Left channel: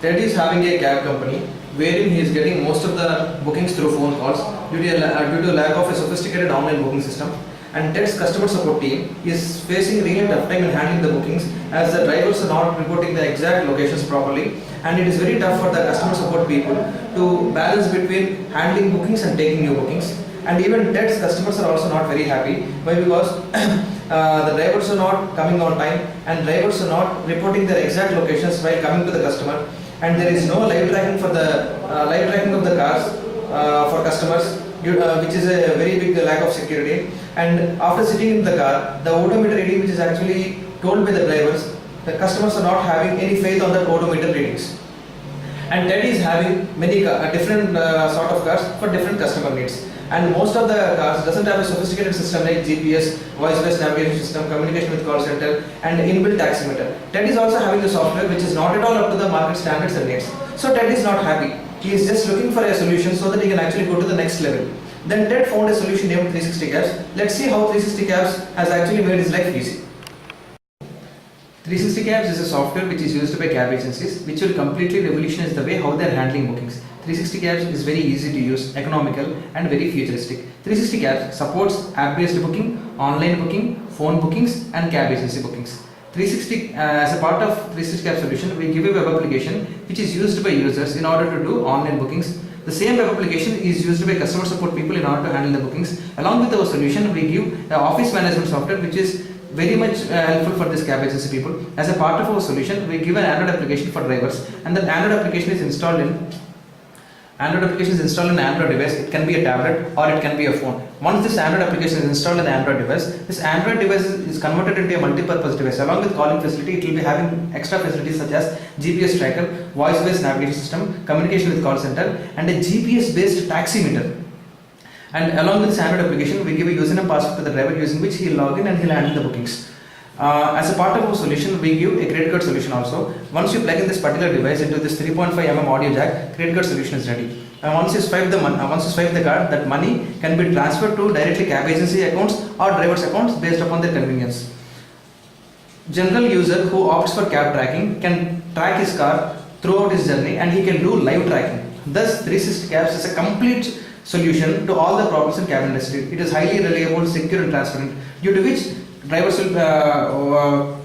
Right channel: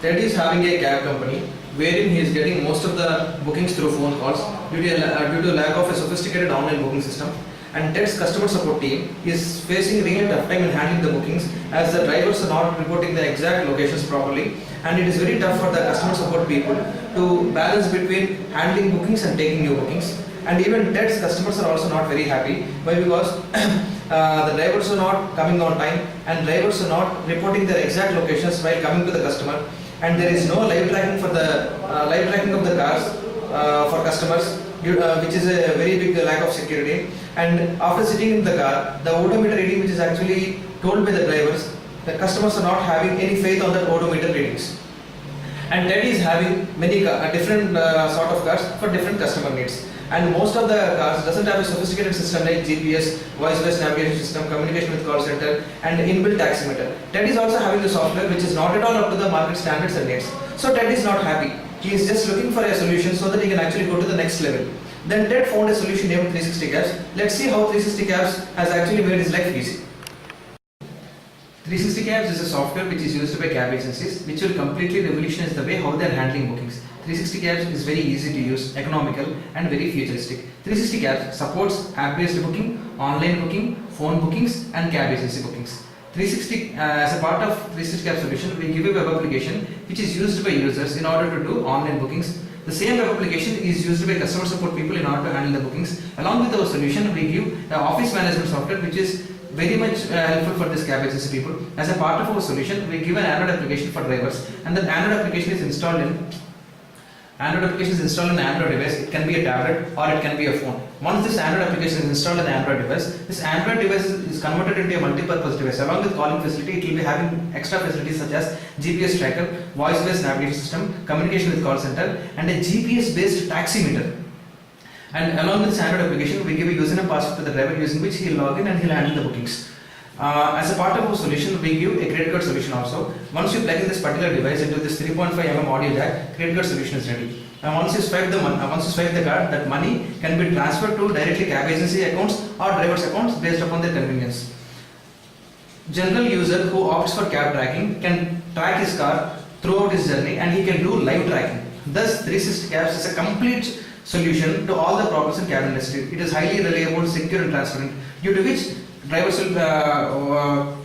Ted is having a cab company wherein he is getting most of the bookings through phone calls due to lack of a sophisticated online booking system. And Ted's customer support team is facing really tough time in handling the bookings as the drivers are not reporting the exact locations properly, and it is very tough for the customer support people to balance between handling bookings and taking new bookings. And even Ted's customers are also not very happy. Why? Because the drivers are not coming on time and drivers are not reporting their exact locations while coming to the customer, and there is no live tracking for the live tracking of the cars for customers, which is a very big lack of security. And after sitting in the car, the odometer reading which is actually told by the drivers, the customers are not having any faith on the odometer readings. And Ted is having many different sort of cars for different customer needs. And most of the cars doesn't have a sophisticated system like GPS, voice-based navigation system, communication with call center, and inbuilt taximeter. Ted is also having the software which is not at all up to the market standards and needs. So Ted is not happy. He is just looking for a solution so that he can actually go to the next level. Then Ted found a solution named 360 Cabs. Let's see how 360 Cabs has actually made his life easy. 360 Cabs is a software which is used by cab agencies which will completely revolutionize the way how they are handling bookings. 360 Cabs is very easy to use, economical and very futuristic. 360 Cabs supports app-based booking, online booking, phone bookings and cab agency bookings. 360 as a part of 360 Cabs solution, we give a web application which is used by users in order to do online bookings. The same web application is used by customer support people in order to handle the bookings. Along with our solution, we give the office management software which is very much helpful for this cab agency people. As a part of our solution, we give an Android application for drivers, and that Android application is installed in Android device. It can be a tablet or it can be a phone. Once this Android application is installed in the Android device, this Android device is converted into a multi-purpose device. Along with calling facility, it will be having extra facilities such as GPS tracker, voice-based navigation system, communication with call center, and a GPS-based taximeter. And along with this Android application, we give a username password to the driver using which he will log in and he will handle the bookings. As a part of our solution, we give a credit card solution also. Once you plug in this particular device into this 3.5 mm audio jack, credit card solution is ready. And once you swipe the card, that money can be transferred to directly cab agency accounts or drivers accounts based upon their convenience. General user who opts for cab tracking can track his car throughout his journey and he can do live tracking. Thus, 360 Cabs is a complete solution to all the problems in cab industry. It is highly reliable, secure and transparent, due to which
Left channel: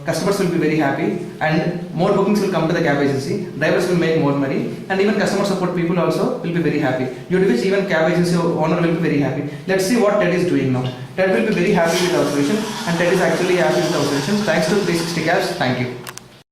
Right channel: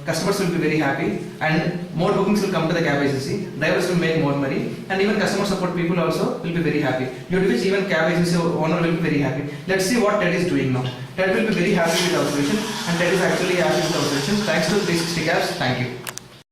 customers will be very happy and more bookings will come to the cab agency, drivers will make more money, and even customer support people also will be very happy, due to which even cab agency owner will be very happy. Let's see what Ted is doing now. Ted will be very happy with our solution, and Ted is actually happy with our solution. Thanks to 360 Cabs. Thank you.